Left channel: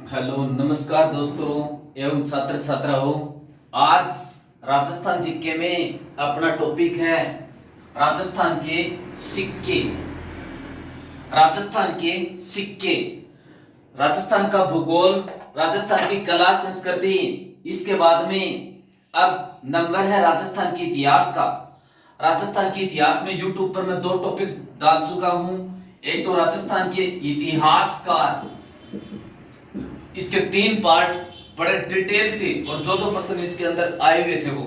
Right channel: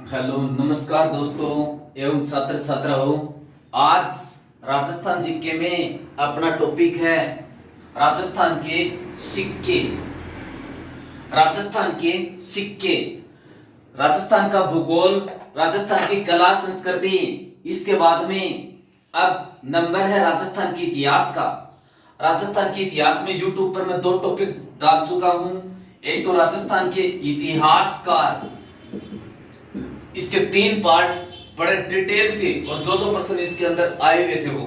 Hello नमस्कार दोस्तों एवं छात्र छात्राओं। आज राजस्थान जीके में अपना टॉपिक है राजस्थान के सिक्के। राजस्थान के सिक्के, राजस्थान का भूगोल, राजस्थान की कला संस्कृति, इसके बाद में अब नंबर है राजस्थान के इतिहास का। राजस्थान के इतिहास में यूट्यूब पर मैं 2 टॉपिक डाल चुका हूं। एक तो राजस्थान के इतिहासकार, इसके 3 पार्ट बड़े डिटेल से, और जो पर्सन इसके अंदर आए हुए थे वो।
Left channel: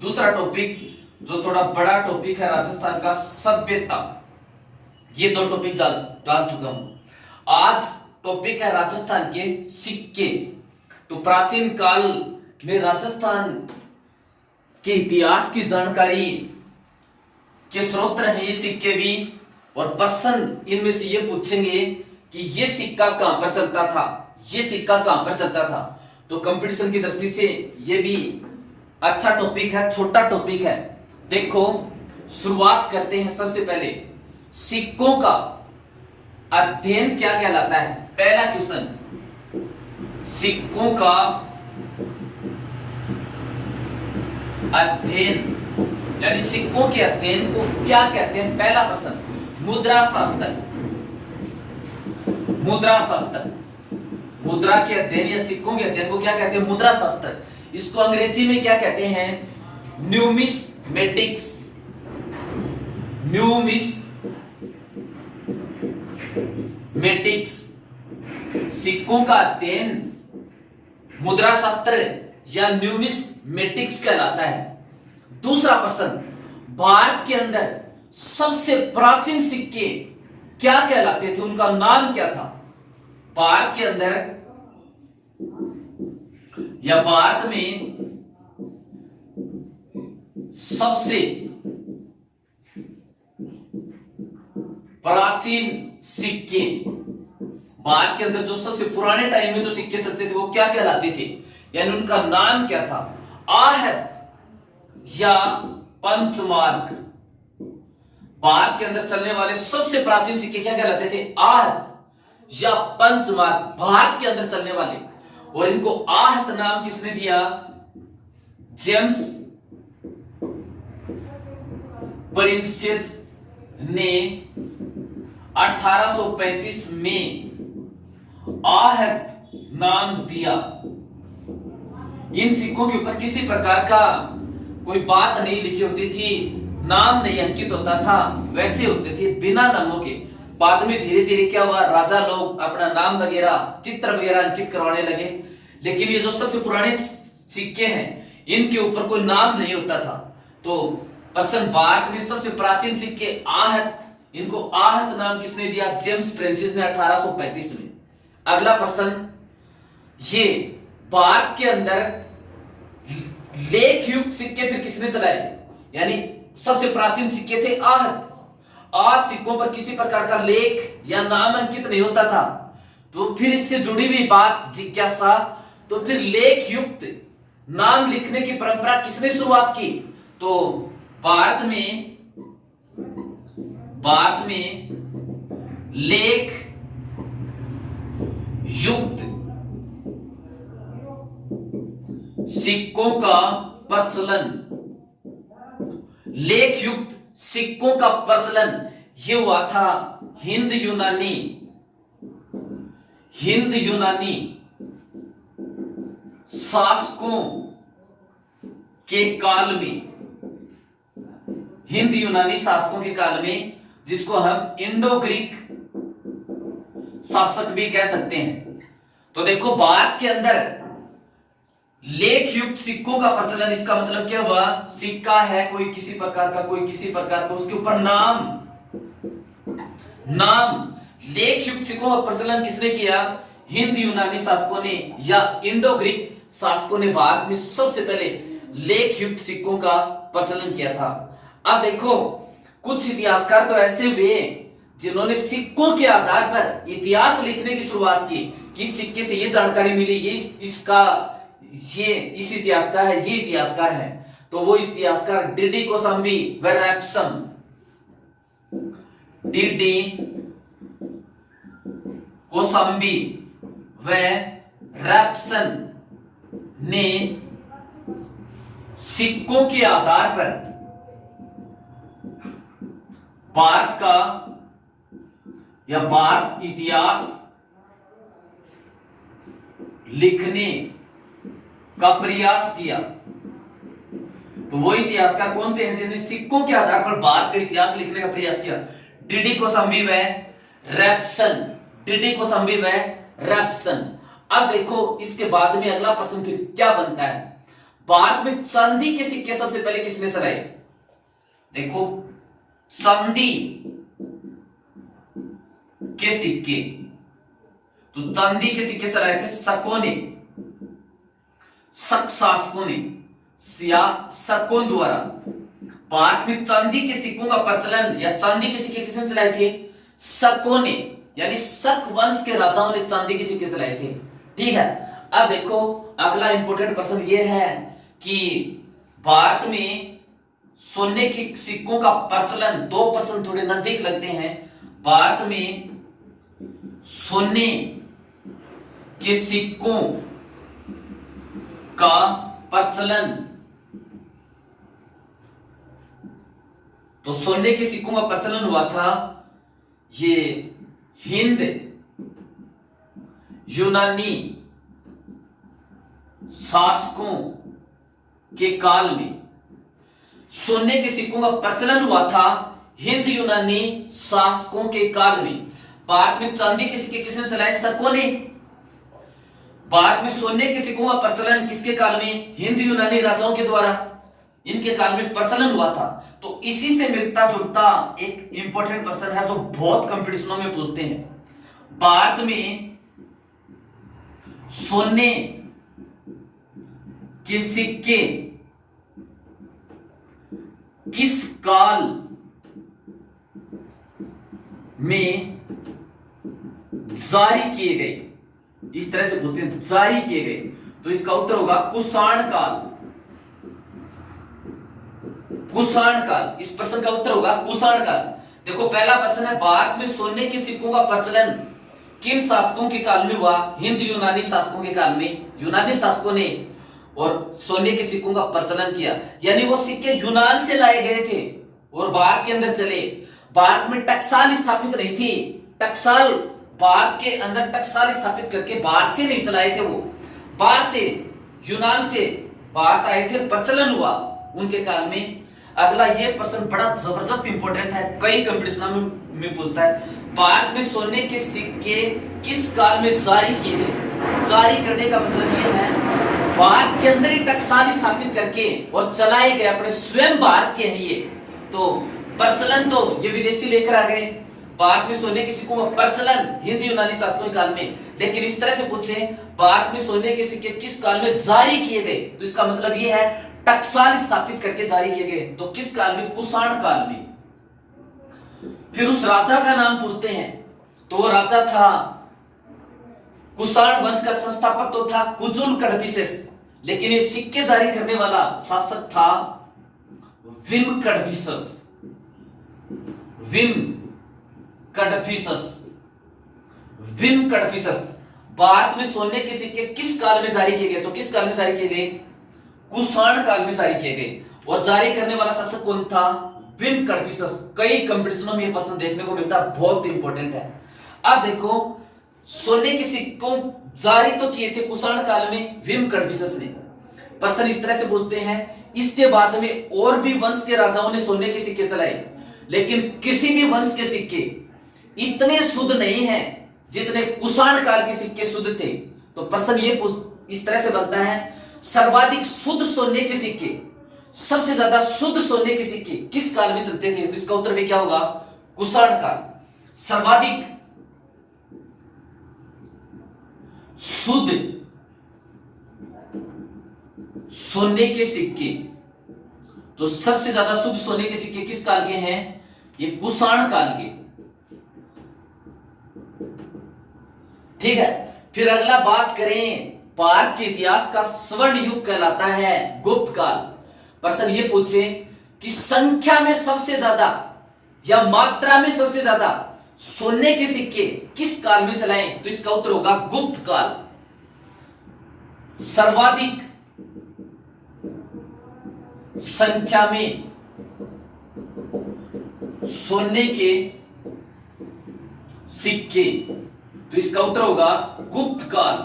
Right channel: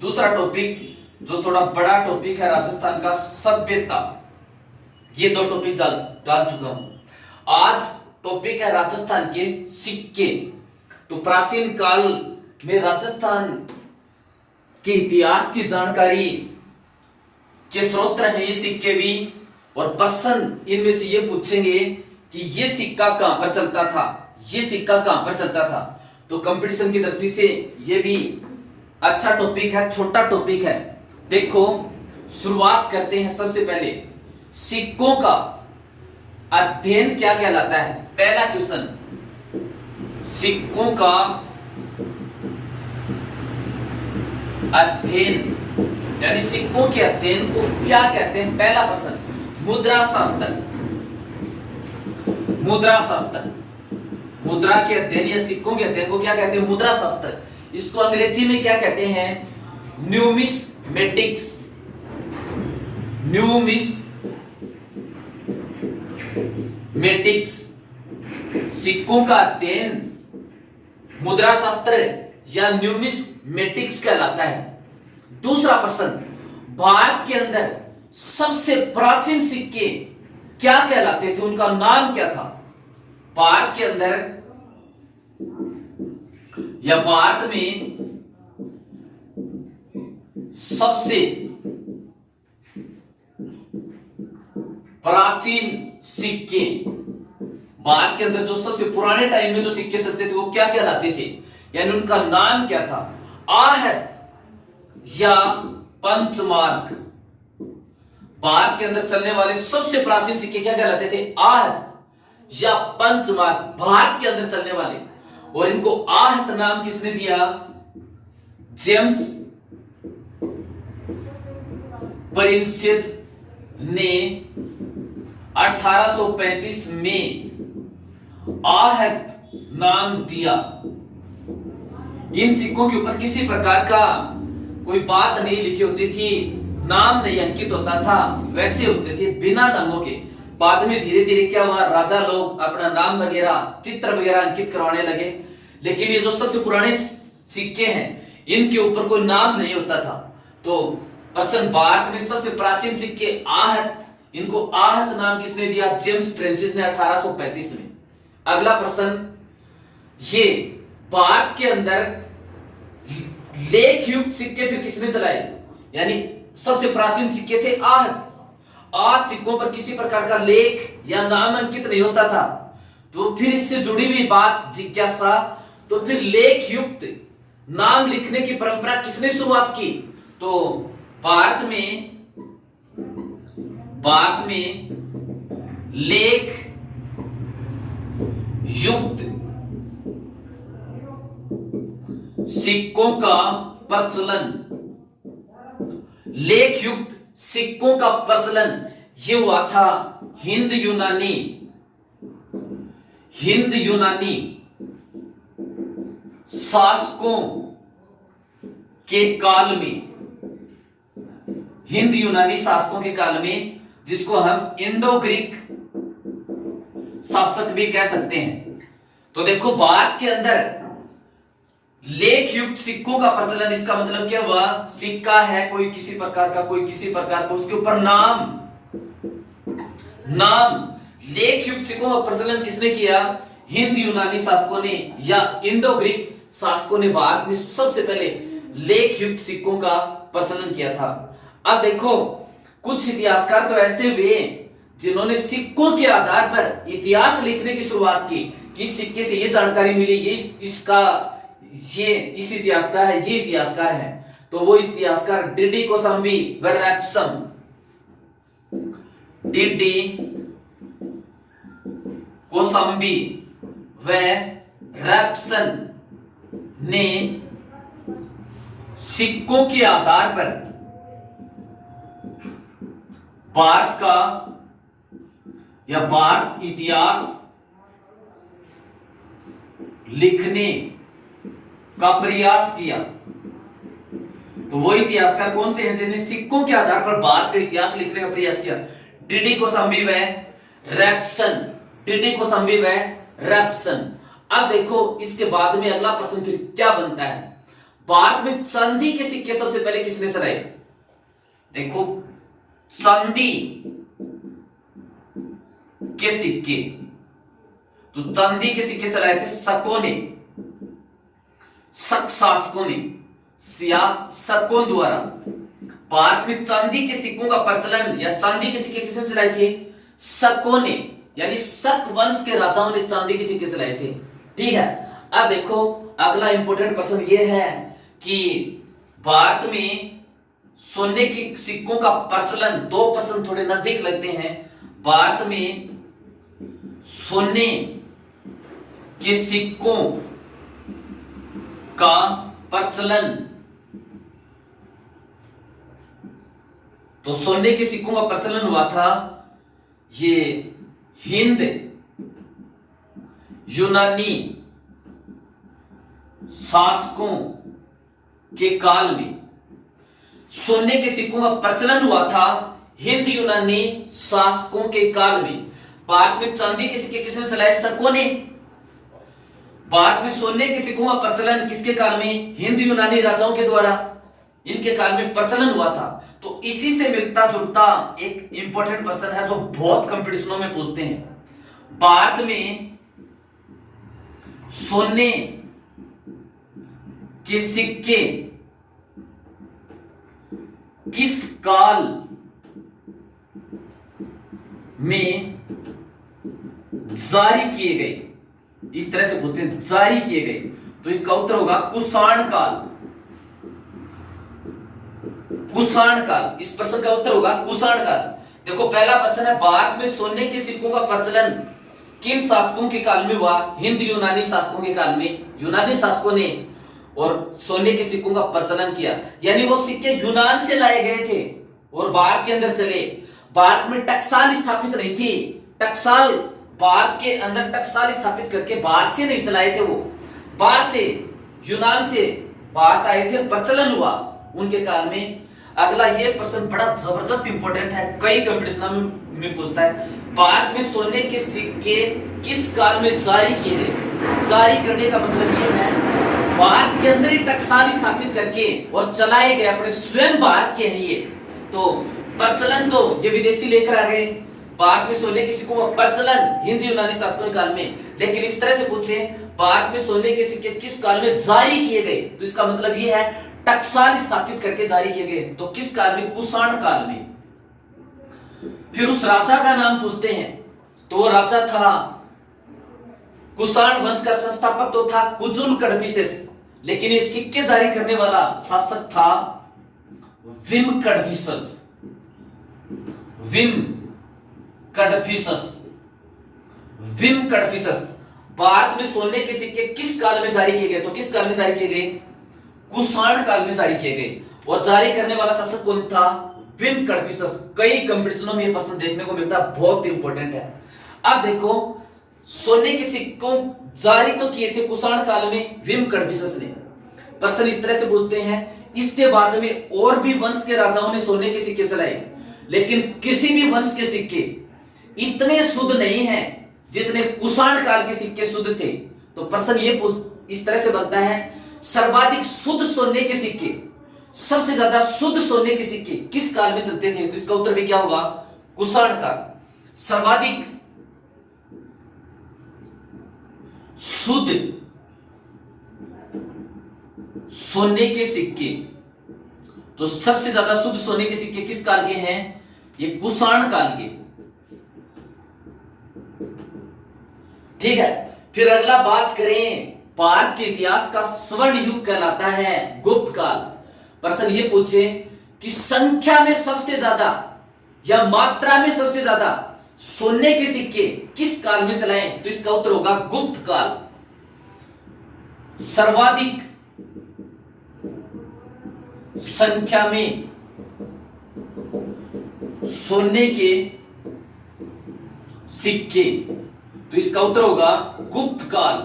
दूसरा टॉपिक जो थोड़ा बड़ा टॉपिक है राजस्थान का सभ्यता। ये 2 टॉपिक डाल चुका हूं। आज टॉपिक है राजस्थान के सिक्के। तो प्राचीन काल में राजस्थान के इतिहास की जानकारी के स्रोत रहे ये सिक्के भी, और पर्सन इनमें से ये पूछेंगे कि ये सिक्का कहां पर चलता था, ये सिक्का कहां पर चलता था। तो कंपटीशन की दृष्टि से ये भी अच्छा टॉपिक है, छोटा टॉपिक है। देखो शुरुआत करते हैं। सबसे पहले सिक्कों का अध्ययन क्या कहलाता है। पहला क्वेश्चन, सिक्कों का अध्ययन यानी सिक्कों के अध्ययन को क्या कहते हैं। पहला प्रश्न, मुद्रा शास्त्र। मुद्रा शास्त्र, मुद्रा के अध्ययन या सिक्कों के अध्ययन को क्या कहते हैं, मुद्रा शास्त्र। इसको अंग्रेजी में क्या कहते हैं, न्यूमिस्मेटिक्स। न्यूमिस्मेटिक्स, सिक्कों का अध्ययन मुद्रा शास्त्र या न्यूमिस्मेटिक्स कहलाता है। दूसरा प्रश्न, भारत के अंदर सबसे प्राचीन सिक्के क्या कहलाते थे, उनका नाम क्या था। भारत के अंदर या भारत में सबसे प्राचीन सिक्के, भारत के अंदर जो सबसे पुराने टाइम में जो सिक्के चलते थे वो क्या कहलाते थे, यानी उनका नाम क्या था। आहत या पंचमार्क। भारत के अंदर चलने वाले सबसे प्राचीन सिक्के क्या कहलाते थे, आहत या पंचमार्क, भारत के अंदर चलने वाले। और इनको आहत नाम किसने दिया, जेम्स प्रिंसेस ने 1835 में आहत नाम दिया। इन सिक्कों के ऊपर किसी प्रकार का कोई बात नहीं लिखी होती थी, नाम नहीं अंकित होता था, वैसे होते थे बिना नामों के। बाद में धीरे धीरे क्या हुआ, राजा लोग अपना नाम वगैरह, चित्र वगैरह अंकित करवाने लगे। लेकिन ये जो सबसे पुराने सिक्के हैं इनके ऊपर कोई नाम नहीं होता था। तो प्रश्न, भारत में सबसे प्राचीन सिक्के आहत, इनको आहत नाम किसने दिया, जेम्स प्रिंसेस ने 1835 में। अगला प्रश्न, ये भारत के अंदर लेख युक्त सिक्के फिर किसने चलाए, यानी सबसे प्राचीन सिक्के थे आहत। आज सिक्कों पर किसी प्रकार का लेख या नाम अंकित नहीं होता था। तो फिर इससे जुड़ी हुई बात जिज्ञासा, तो फिर लेख युक्त नाम लिखने की परंपरा किसने शुरुआत की। तो भारत में लेख युक्त सिक्कों का प्रचलन, लेख युक्त सिक्कों का प्रचलन ये हुआ था हिंद यूनानी शासकों के काल में। हिंद यूनानी शासकों के काल में, जिसको हम इंडो ग्रीक शासक भी कह सकते हैं। तो देखो भारत के अंदर लेख युक्त सिक्कों का प्रचलन, इसका मतलब क्या हुआ, सिक्का है कोई किसी प्रकार का, कोई किसी प्रकार का, उसके ऊपर नाम लेख युक्त सिक्कों का प्रचलन किसने किया, हिंद यूनानी शासकों ने या इंडो ग्रीक शासकों ने भारत में सबसे पहले लेख युक्त सिक्कों का प्रचलन किया था। अब देखो कुछ इतिहासकार तो ऐसे हुए जिन्होंने सिक्कों के आधार पर इतिहास लिखने की शुरुआत की कि सिक्के से ये जानकारी मिली, ये इस इतिहासकार है, ये इतिहासकार है। तो वो इतिहासकार डीडी कोसंबी व रैप्सन, डीडी कोसंबी व रैप्सन ने सिक्कों के आधार पर भारत का या भारत इतिहास लिखने का प्रयास किया। तो वो इतिहासकार कौन से हैं जिन्होंने सिक्कों के आधार पर भारत का इतिहास लिखने का प्रयास किया? डीडी कोशांबी व रैप्सन, डीडी कोशांबी व रैप्सन। अब देखो इसके बाद में अगला प्रश्न फिर क्या बनता है? भारत में चांदी के सिक्के सबसे पहले किसने चलाए? देखो चांदी के सिक्के, तो चांदी के सिक्के चलाए थे शकों ने, शक शासकों ने या शकों द्वारा। भारत में चांदी के सिक्कों का प्रचलन या चांदी के सिक्के किसने चलाए थे? शकों ने, यानी शक वंश के राजाओं ने चांदी के सिक्के चलाए थे। ठीक है, अब देखो अगला इंपॉर्टेंट प्रश्न यह है कि भारत में सोने के सिक्कों का प्रचलन, दो प्रश्न थोड़े नजदीक लगते हैं। भारत में सोने के सिक्कों का प्रचलन, तो सोने के सिक्कों का प्रचलन हुआ था ये हिंद यूनानी शासकों के काल में। सोने के सिक्कों का प्रचलन हुआ था हिंद यूनानी शासकों के काल में। भारत में चांदी के सिक्के किसने चलाए? शकों ने। भारत में सोने के सिक्कों का प्रचलन किसके काल में? हिंद यूनानी राजाओं के द्वारा, इनके काल में प्रचलन हुआ था। तो इसी से मिलता जुलता एक इंपॉर्टेंट प्रश्न है जो बहुत कंपटीशनों में पूछते हैं। भारत में सोने के सिक्के किस काल में जारी किए गए? इस तरह से पूछते हैं, जारी किए गए। तो इसका उत्तर होगा कुषाण काल। कुषाण काल, इस प्रश्न का उत्तर होगा कुषाण काल। देखो पहला प्रश्न है, भारत में सोने के सिक्कों का प्रचलन किन शासकों के काल में हुआ? हिंद यूनानी शासकों के काल में। यूनानी शासकों ने और सोने के सिक्कों का प्रचलन किया, यानी वो सिक्के यूनान से लाए गए थे और भारत के अंदर चले। भारत में टकसाल स्थापित नहीं थी। टकसाल, भारत के अंदर टकसाल स्थापित करके भारत से नहीं चलाए थे, वो बाहर से, यूनान से भारत आए थे, प्रचलन हुआ उनके काल में। अगला ये प्रश्न बड़ा जबरदस्त इंपॉर्टेंट है, कई कंपटीशन में पूछता है। भारत में सोने के सिक्के किस काल में जारी किए गए? जारी करने का मतलब ये है भारत के अंदर ही टकसाल स्थापित करके और चलाए गए, अपने स्वयं भारत के हैं ये। तो प्रचलन तो ये विदेशी लेकर आ गए। भारत में सोने के सिक्कों का प्रचलन हिंद यूनानी शासकों के काल में। लेकिन इस तरह से पूछे भारत में सोने के सिक्के किस काल में जारी किए गए, तो इसका मतलब ये है टकसाल स्थापित करके जारी किए गए। तो किस काल में? कुषाण काल में। फिर उस राजा का नाम पूछते हैं, तो वो राजा था, कुषाण वंश का संस्थापक तो था कुजुल कड़फिसेस, लेकिन ये सिक्के जारी करने वाला शासक था विम कड़फिसस। विम कड़फिसस, विम कड़फिसस। भारत में सोने के सिक्के किस काल में जारी किए गए? तो किस काल में जारी किए गए? कुषाण काल में जारी किए गए। और जारी करने वाला शासक कौन था? विम कड़फिसस। कई कंपटीशनों में यह प्रश्न देखने को मिलता है, बहुत इंपॉर्टेंट है। अब देखो सोने के सिक्कों जारी तो किए थे कुषाण काल में विम कड़फिसस ने। प्रश्न इस तरह से पूछते हैं, इसके बाद में और भी वंश के राजाओं ने सोने के सिक्के चलाए, लेकिन किसी भी वंश के सिक्के इतने शुद्ध नहीं हैं जितने कुषाण काल के सिक्के शुद्ध थे। तो प्रश्न ये इस तरह से बनता है, सर्वाधिक शुद्ध सोने के सिक्के, सबसे ज्यादा शुद्ध सोने के सिक्के किस काल में चलते थे? तो इसका उत्तर भी क्या होगा? कुषाण काल। सर्वाधिक शुद्ध सोने के सिक्के, तो सबसे ज्यादा शुद्ध सोने के सिक्के किस काल के हैं? ये कुषाण काल के। ठीक है, फिर अगला बात करें, भारत के इतिहास का स्वर्ण युग कहलाता है गुप्त काल। प्रश्न ये पूछे कि संख्या में सबसे ज्यादा या मात्रा में सबसे ज्यादा सोने के सिक्के किस काल में चलाए? तो इसका उत्तर होगा गुप्त काल। सर्वाधिक संख्या में सोने के सिक्के, तो इसका उत्तर होगा गुप्त काल।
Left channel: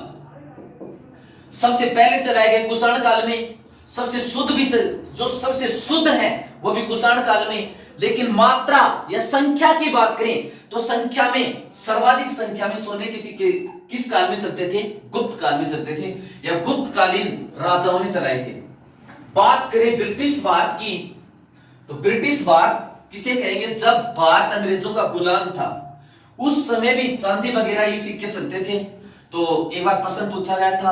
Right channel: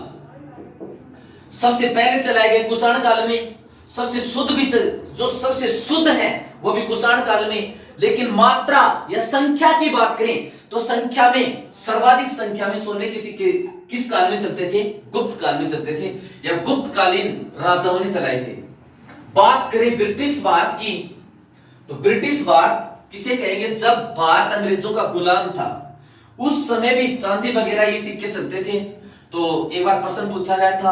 सबसे पहले चलाए गए कुषाण काल में, सबसे शुद्ध भी जो सबसे शुद्ध है वो भी कुषाण काल में। लेकिन मात्रा या संख्या की बात करें तो संख्या में सर्वाधिक संख्या में सोने के सिक्के किस काल में चलते थे? गुप्त काल में चलते थे, या गुप्त कालीन राजाओं ने चलाए थे। बात करें ब्रिटिश भारत की, तो ब्रिटिश भारत किसे कहेंगे? जब भारत अंग्रेजों का गुलाम था उस समय भी चांदी वगैरह ये सिक्के चलते थे। तो एक बार प्रश्न पूछा गया था,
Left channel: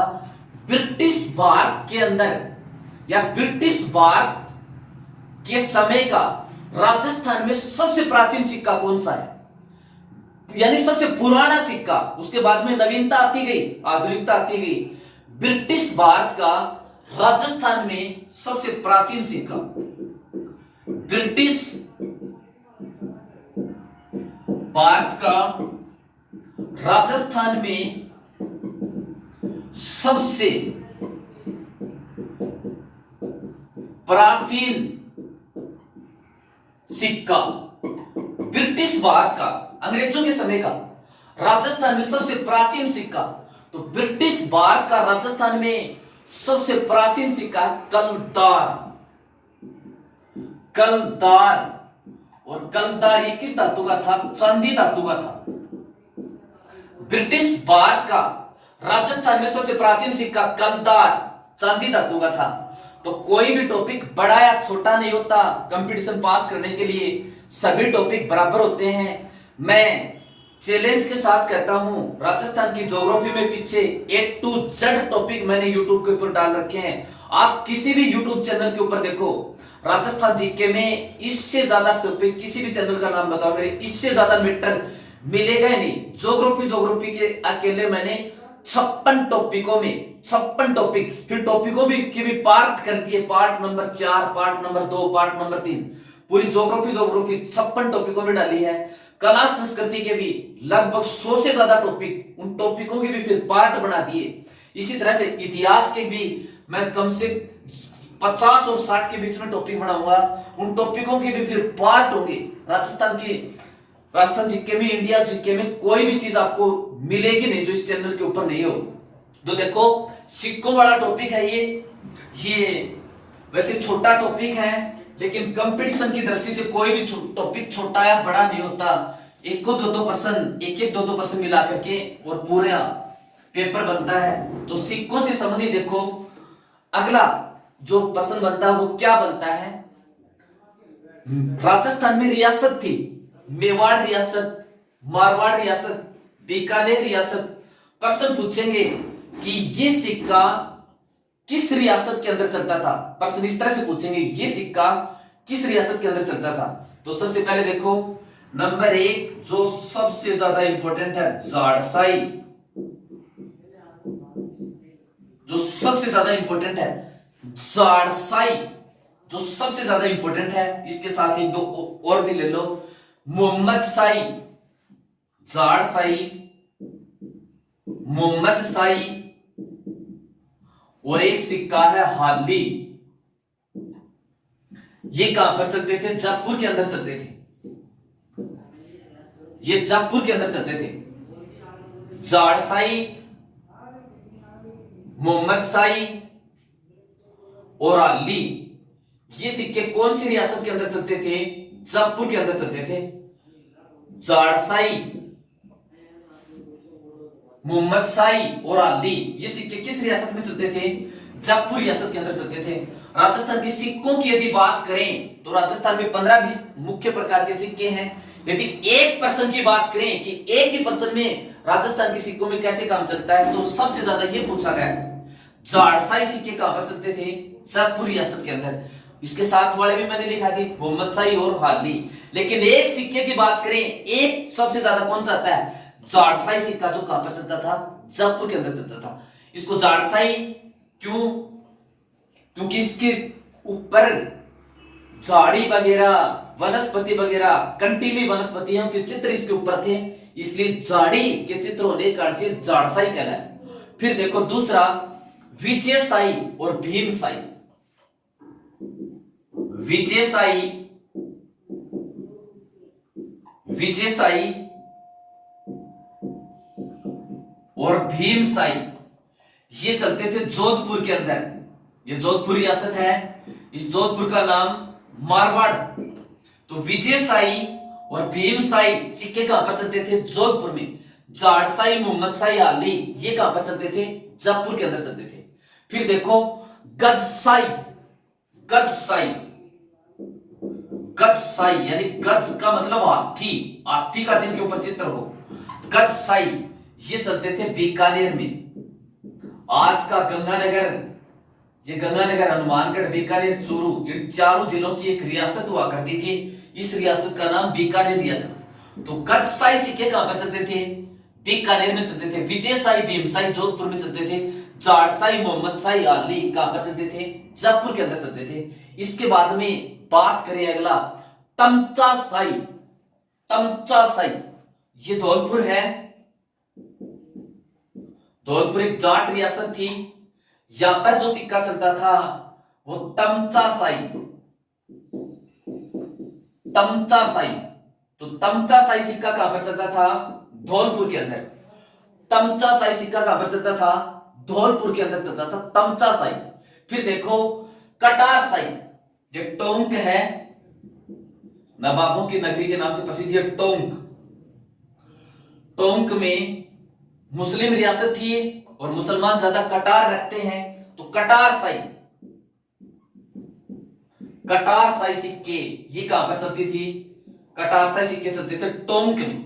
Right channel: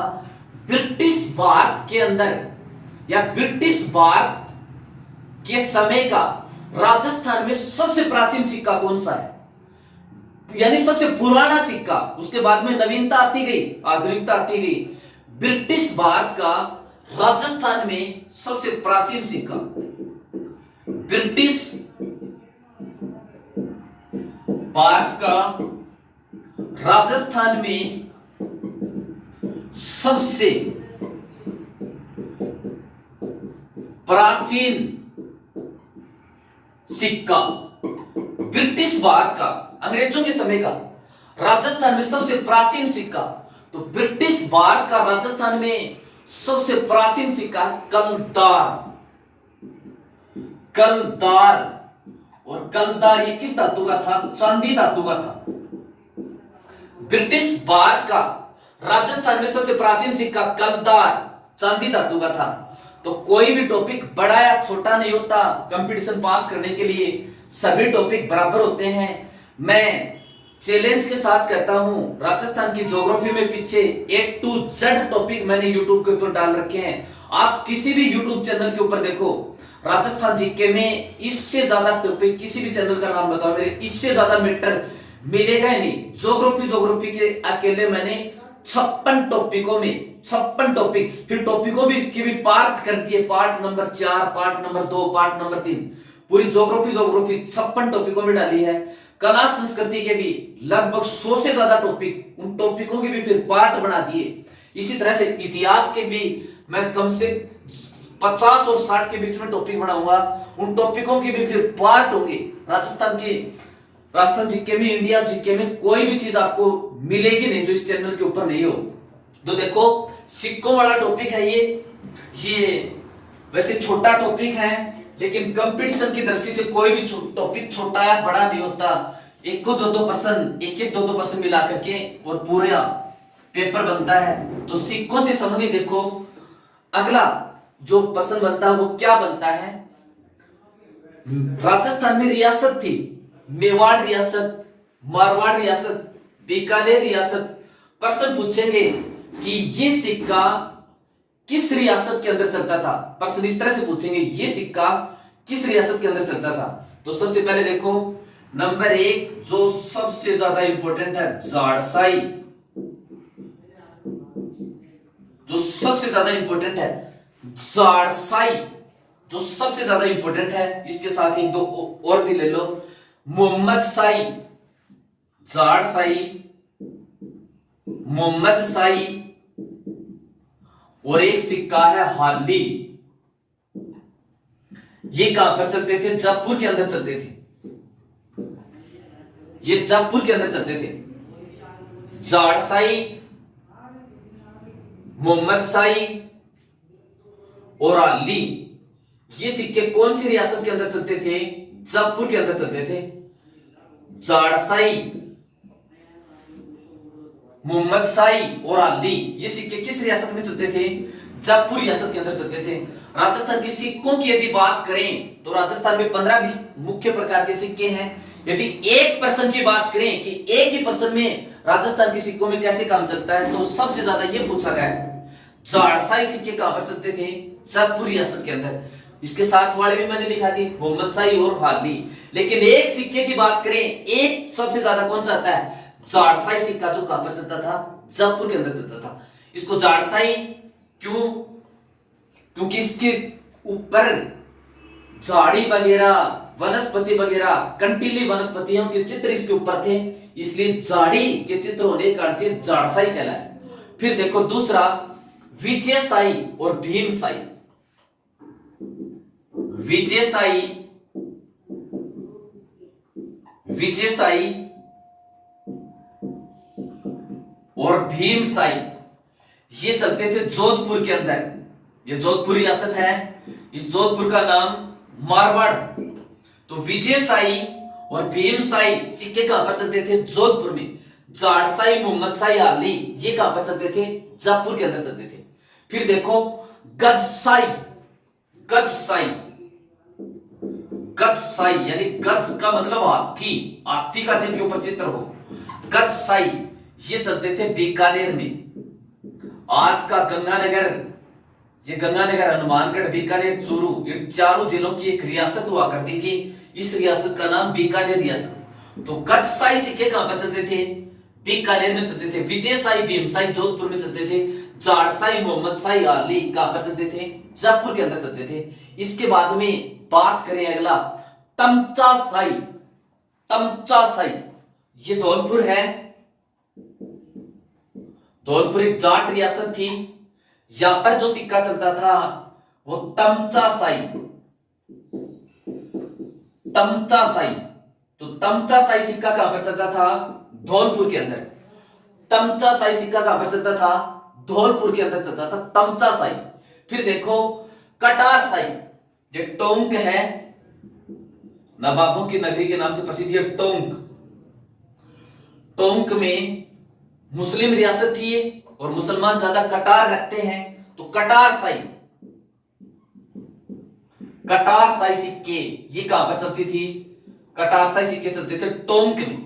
ब्रिटिश भारत के अंदर या ब्रिटिश भारत के समय का राजस्थान में सबसे प्राचीन सिक्का कौन सा है? यानी सबसे पुराना सिक्का। उसके बाद में नवीनता आती गई, आधुनिकता आती गई। ब्रिटिश भारत का राजस्थान में सबसे प्राचीन सिक्का, ब्रिटिश भारत का राजस्थान में सबसे प्राचीन सिक्का, ब्रिटिश भारत का अंग्रेजों के समय का राजस्थान में सबसे प्राचीन सिक्का। तो ब्रिटिश भारत का राजस्थान में सबसे प्राचीन सिक्का कलदार। कलदार, और कलदार ये किस धातु का था? चांदी धातु का था। ब्रिटिश भारत का राजस्थान में सबसे प्राचीन सिक्का कलदार, चांदी धातु का था। तो कोई भी टॉपिक बड़ा या छोटा नहीं होता, कंपटीशन पास करने के लिए सभी टॉपिक बराबर होते हैं। मैं चैलेंज के साथ कहता हूं, राजस्थान की ज्योग्राफी में पीछे A to Z टॉपिक मैंने यूट्यूब के ऊपर डाल रखे हैं। आप किसी भी यूट्यूब चैनल के ऊपर देखो, राजस्थान जीके में इससे ज्यादा टॉपिक, किसी भी चैनल का नाम बताओ मेरे, इससे ज्यादा मैटर मिलेगा ही नहीं। ज्योग्राफी के अकेले मैंने 56 टॉपिकों में 56 टॉपिक, फिर टॉपिकों भी की भी पार्ट कर दिए, part number 4, part number 2, part number 3, पूरी ज्योग्राफी 56 टॉपिकों में डाली है। कला संस्कृति के भी लगभग 100 से ज्यादा टॉपिक, उन टॉपिकों के भी फिर पार्ट बना दिए। इसी तरह से इतिहास के भी मैं कम से 50 और 60 के बीच में टॉपिक बनाऊंगा, उन टॉपिकों के भी फिर पार्ट होंगे। राजस्थान जीके में, इंडिया जीके में कोई भी चीज आपको मिलेगी नहीं जो इस चैनल के ऊपर नहीं हो। तो देखो सिक्कों वाला टॉपिक है ये वैसे छोटा टॉपिक है, लेकिन कंपटीशन की दृष्टि से कोई भी टॉपिक छोटा या बड़ा नहीं होता। एक को 2-2% मिला करके और पूरा पेपर बनता है। तो सिक्कों से संबंधित देखो अगला जो प्रश्न बनता है वो क्या बनता है? राजस्थान में रियासत थी, मेवाड़ रियासत, मारवाड़ रियासत, बीकानेर रियासत। प्रश्न पूछेंगे कि ये सिक्का किस रियासत के अंदर चलता था? प्रश्न इस तरह से पूछेंगे, ये सिक्का किस रियासत के अंदर चलता था? तो सबसे पहले देखो नंबर 1 जो सबसे ज्यादा इंपॉर्टेंट है, जाड़साई। जो सबसे ज्यादा इंपॉर्टेंट है जाड़साई, जो सबसे ज्यादा इंपॉर्टेंट है। इसके साथ ही 2 और भी ले लो, मोहम्मद शाही, जाड़साई, मोहम्मद शाही, और एक सिक्का है हाली। ये कहां पर चलते थे? जयपुर के अंदर चलते थे। ये जयपुर के अंदर चलते थे। जाड़साई, मोहम्मद शाही और हाली, ये सिक्के कौन सी रियासत के अंदर चलते थे? जयपुर के अंदर चलते थे। जाड़साई, मोहम्मद शाही और हाली, ये सिक्के किस रियासत में चलते थे? जयपुर रियासत के अंदर चलते थे। राजस्थान के सिक्कों की यदि बात करें तो राजस्थान में 15-20 मुख्य प्रकार के सिक्के हैं। यदि एक पर्सन की बात करें कि एक ही पर्सन में राजस्थान के सिक्कों में कैसे काम चलता है, तो सबसे ज्यादा ये पूछा गया है। जाड़साई सिक्के कहां पर चलते थे? जयपुर रियासत के अंदर। इसके साथ वाले भी मैंने लिखा दी, मोहम्मद शाही और हाली। लेकिन एक सिक्के की बात करें, एक सबसे ज्यादा कौन सा आता है? जाड़साई सिक्का, जो कहां पर चलता था? जयपुर के अंदर चलता था। इसको जाड़साई क्यों? क्योंकि इसके ऊपर झाड़ी वगैरह वनस्पति वगैरह कंटीली वनस्पतियों के चित्र इसके ऊपर थे, इसलिए झाड़ी के चित्र होने के कारण से झाड़साई कहलाए। फिर देखो दूसरा विजयसाई और भीमसाई। विजयसाई विजयसाई और भीमसाई ये चलते थे जोधपुर के अंदर। ये जोधपुर रियासत है, इस जोधपुर का नाम मारवाड़। तो विजयसाई और भीमसाई सिक्के कहां पर चलते थे? जोधपुर में। जाड़साई, मोहम्मदसाई, आली ये कहां पर चलते थे? जयपुर के अंदर चलते थे। फिर देखो गजसाई। गजसाई गजसाई यानी गज का मतलब हाथी, हाथी का जिनके ऊपर चित्र हो। गजसाई ये चलते थे बीकानेर में। आज का गंगानगर, ये गंगानगर, हनुमानगढ़, बीकानेर, चूरू, इन चारों जिलों की एक रियासत हुआ करती थी। इस रियासत का नाम बीकानेर रियासत। तो गजसाई सिक्के कहां पर चलते थे? बीकानेर में चलते थे। विजयसाई, भीमसाई जोधपुर में चलते थे। जाड़साई, मोहम्मदसाई, आली कहां पर चलते थे? जयपुर के अंदर चलते थे। इसके बाद में बात करें अगला तमचासाई। तमचासाई ये धौलपुर है। धौलपुर एक जाट रियासत थी। यहां पर जो सिक्का चलता था वो तमचासाई। तमचासाई। तो तमचासाई सिक्का कहां पर चलता था? धौलपुर के अंदर। तमचासाई सिक्का कहां पर चलता था? धौलपुर के अंदर चलता था तमचासाई। फिर देखो कटारसाई। ये टोंक है, नवाबों की नगरी के नाम से प्रसिद्ध है टोंक। टोंक में मुस्लिम रियासत थी और मुसलमान ज्यादा कटार रखते हैं, तो कटारसाई, कटारसाई सिक्के ये कहां पर चलती थी? कटारसाई सिक्के चलते थे टोंक में।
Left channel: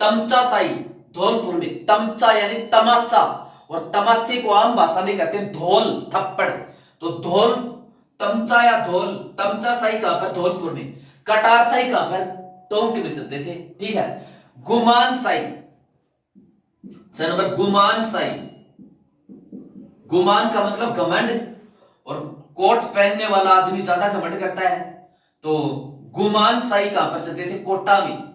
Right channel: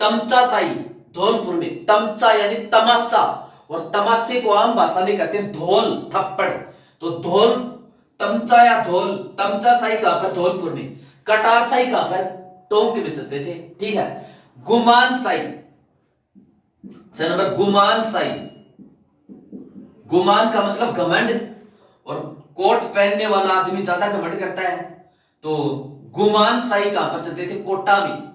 तमचासाई धौलपुर में। तमचा यानी तमाचा, और तमाचे को आम भाषा में कहते हैं धौल, थप्पड़। तो धौल, तमचा या धौल, तमचासाई कहां पर? धौलपुर में। कटारसाई कहां पर? टोंक में चलते थे। ठीक है। गुमानसाई, नंबर गुमानसाई। गुमान का मतलब घमंड, और कोट पहनने वाला आदमी ज्यादा घमंड करता है। तो गुमानसाई कहां पर चलते थे? कोटा में।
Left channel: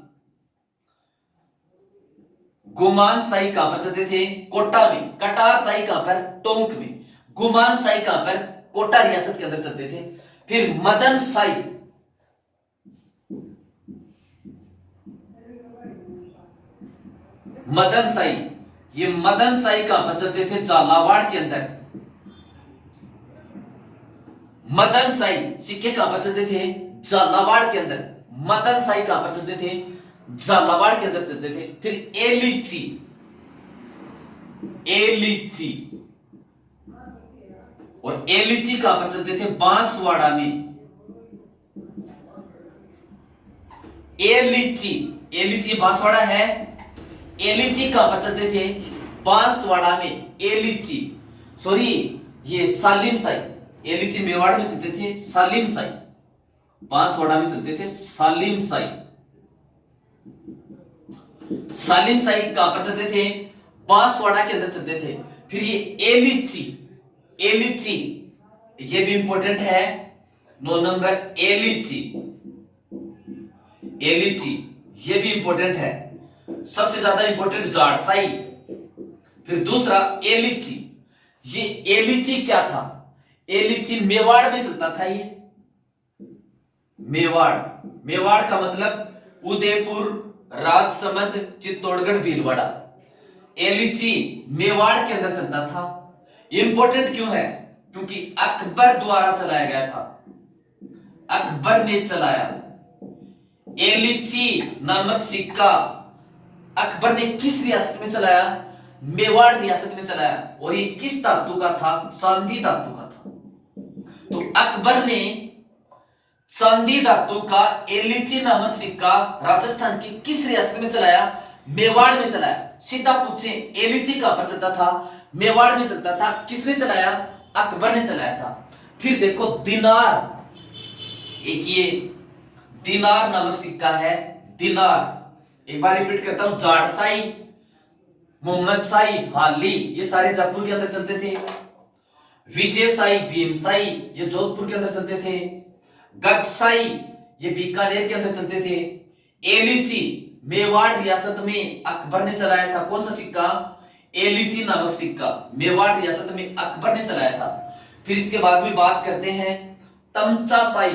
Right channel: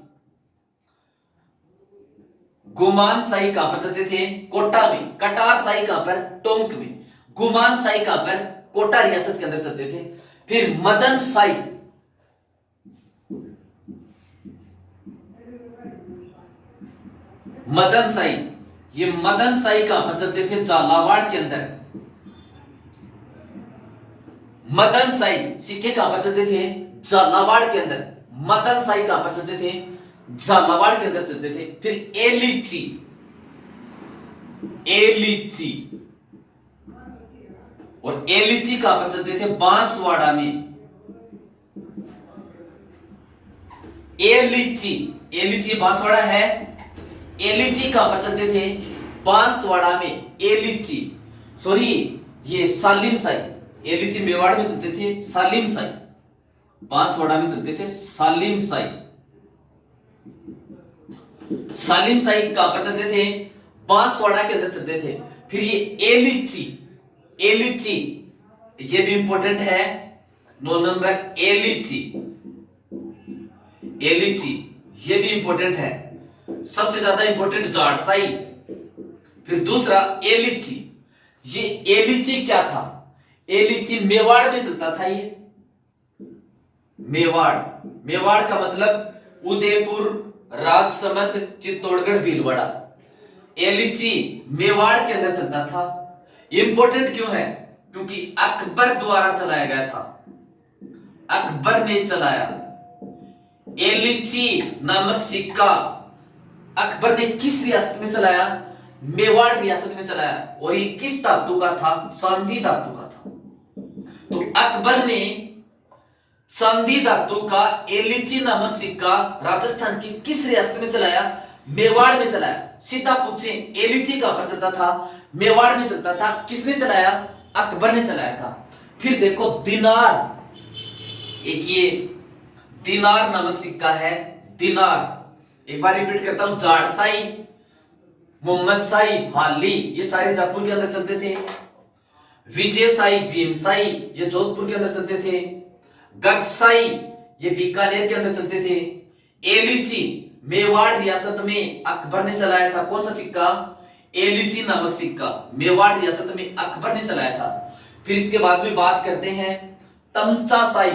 गुमानसाई कहां पर चलते थे? कोटा में। कटारसाई कहां पर? टोंक में। गुमानसाई कहां पर? कोटा रियासत के अंदर चलते थे। फिर मदनसाई। मदनसाई, ये मदनसाई कहां पर चलते थे? झालावाड़ के अंदर। मदनसाई सिक्के कहां पर चलते थे? झालावाड़ के अंदर। मदनसाई कहां पर चलते थे? झालावाड़ के अंदर चलते थे। फिर एलिची। एलिची, और एलिची कहां पर चलते थे? बांसवाड़ा में। एलिची, एलिची बांसवाड़ा है। एलिची कहां पर चलते थे? बांसवाड़ा में। एलिची, सॉरी ये सालिम साई। एलिची मेवाड़ में चलते थे सालिम साई, बांसवाड़ा में चलते थे सालिम साई। सालिम साई कहां पर चलते थे? बांसवाड़ा के अंदर चलते थे। फिर ये एलिची, एलिची ये भी इंपॉर्टेंट है, 9 नंबर। एलिची, एलिची ये भी इंपॉर्टेंट है। सबसे ज्यादा इंपॉर्टेंट जाड़साई। फिर दूसरा एलिची। ये एलिची क्या था? एलिची मेवाड़ में चलता था। ये मेवाड़, मेवाड़ का मतलब उदयपुर, राजसमंद, चित्तौड़गढ़, भीलवाड़ा। एलिची मेवाड़ के अंदर चलता था। इंपॉर्टेंट क्यों है? क्योंकि अकबर द्वारा चलाया गया था। अकबर ने चलाया। एलिची नामक सिक्का अकबर ने किस रियासत में चलाया? मेवाड़ रियासत में चलाया। और ये किस धातु का था? चांदी धातु का था। तो अकबर ने चांदी धातु का एलिची नामक सिक्का राजस्थान की किस रियासत में चलाया? मेवाड़ में चलाया। सीधा पूछे एलिची कहां पर चलता था? मेवाड़ में चलता था। किसने चलाया? अकबर ने चलाया था। फिर देखो दिनार, एक ये दिनार नामक सिक्का है। दिनार, एक बार रिपीट करता हूं, जाड़साई, मोहम्मदसाई, हाली ये सारे जयपुर के अंदर चलते थे। विजयसाई, भीमसाई ये जोधपुर के अंदर चलते थे। गजसाई ये बीकानेर के अंदर चलते थे। एलिची मेवाड़ रियासत में अकबर ने चलाया था। कौन सा सिक्का? एलिची नामक सिक्का मेवाड़ रियासत में अकबर ने चलाया था। फिर इसके बाद में बात करते हैं तमचासाई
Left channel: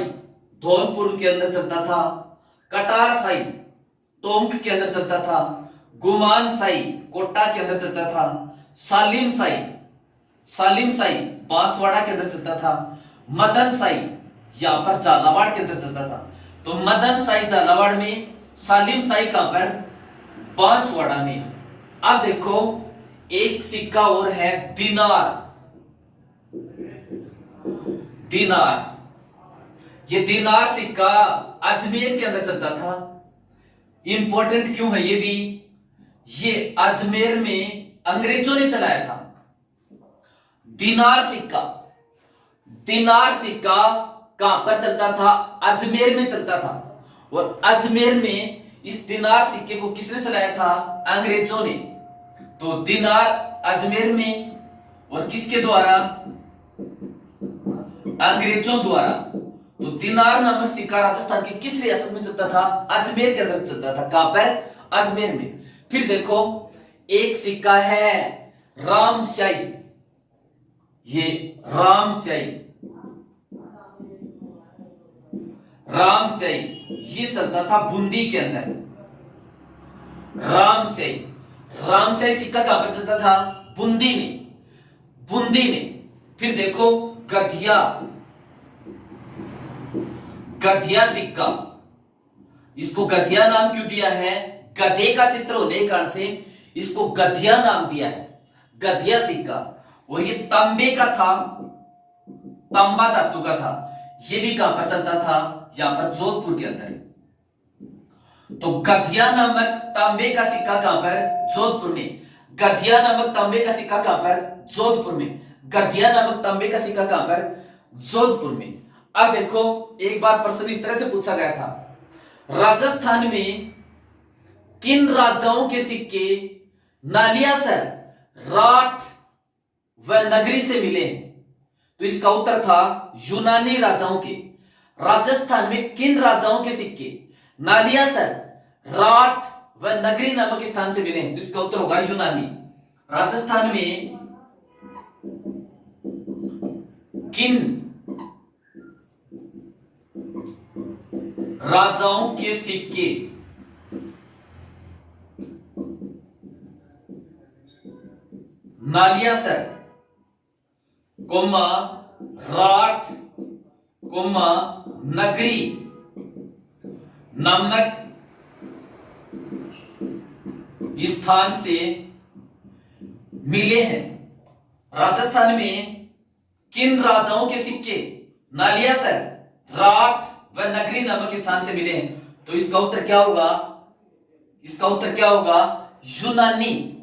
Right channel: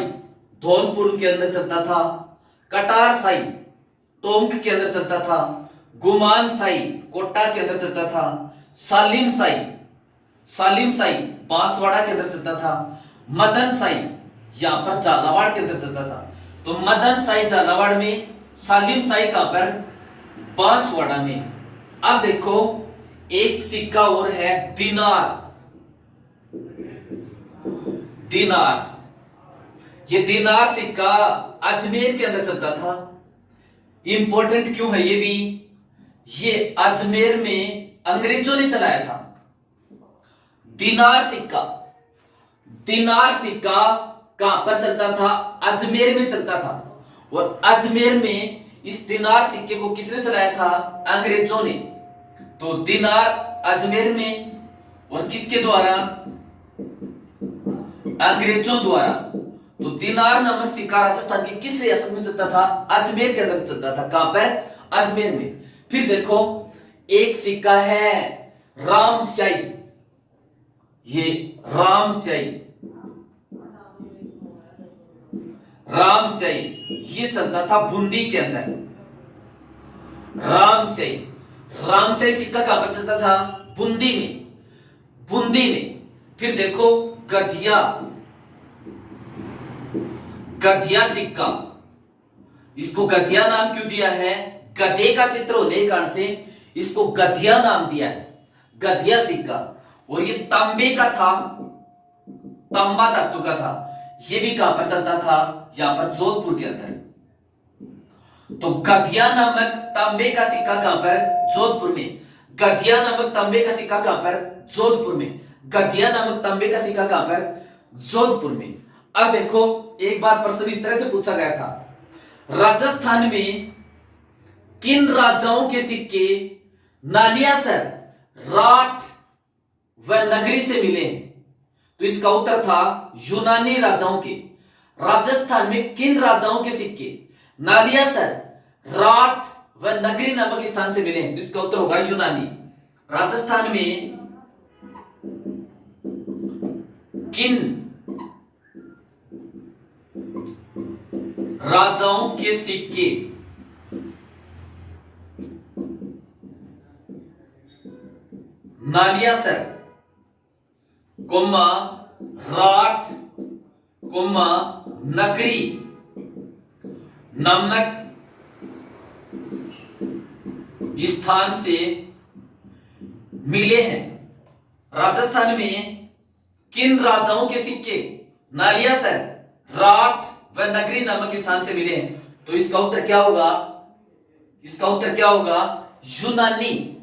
धौलपुर के अंदर चलता था। कटारसाई टोंक के अंदर चलता था। गुमानसाई कोटा के अंदर चलता था। सालिमसाई बांसवाड़ा के अंदर चलता था। मदनसाई यहां पर झालावाड़ के अंदर चलता था। तो मदनसाई झालावाड़ में, सालिमसाई कहां पर? बांसवाड़ा में। अब देखो एक सिक्का और है दिनार। ये दिनार सिक्का अजमेर के अंदर चलता था। इंपॉर्टेंट क्यों है ये भी? ये अजमेर में अंग्रेजों ने चलाया था। दिनार सिक्का कहां पर चलता था? अजमेर में चलता था। और अजमेर में इस दिनार सिक्के को किसने चलाया था? अंग्रेजों ने। तो दिनार अजमेर में, और किसके द्वारा? अंग्रेजों द्वारा। तो दिनार नामक सिक्का राजस्थान की किस रियासत में चलता था? अजमेर के अंदर चलता था। कहां पर? अजमेर में। फिर देखो एक सिक्का है रामस्याई। ये रामस्याई ये चलता था बूंदी के अंदर। रामस्याई सिक्का कहां पर चलता था? बूंदी में। फिर देखो गधिया सिक्का। इसको गधिया नाम क्यों दिया है? गधे का चित्र होने के कारण से इसको गधिया नाम दिया है, गधिया सिक्का। और ये तांबे का था, तांबा धातु का था। ये भी कहां पर चलता था? यहां पर जोधपुर के अंदर। तो गधिया नामक तांबे का सिक्का कहां पर? जोधपुर में। गधिया नामक तांबे का सिक्का कहां पर? जोधपुर में। गधिया नामक तांबे का सिक्का कहां पर? जोधपुर में। अब देखो एक बार प्रश्न इस तरह से पूछा गया था, राजस्थान में किन राजाओं के सिक्के नालियासर, राठ व नगरी से मिले हैं? तो इसका उत्तर था यूनानी राजाओं के। राजस्थान में किन राजाओं के सिक्के नालियासर, राठ व नगरी नामक स्थान से मिले हैं? तो इसका उत्तर होगा यूनानी। राजस्थान में किन राजाओं के सिक्के नालियासर, राठ, नगरी नामक स्थान से मिले हैं। राजस्थान में किन राजाओं के सिक्के नालियासर, राठ व नगरी नामक स्थान से मिले हैं? तो इसका उत्तर क्या होगा? इसका उत्तर क्या होगा? यूनानी।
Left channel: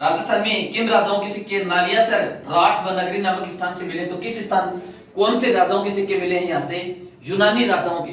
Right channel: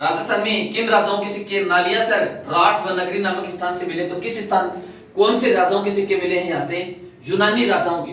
राजस्थान में किन राजाओं के सिक्के नालियासर, राठ व नगरी नामक स्थान से मिले? तो किस स्थान, कौन से राजाओं के सिक्के मिले हैं? यहां से यूनानी राजाओं के।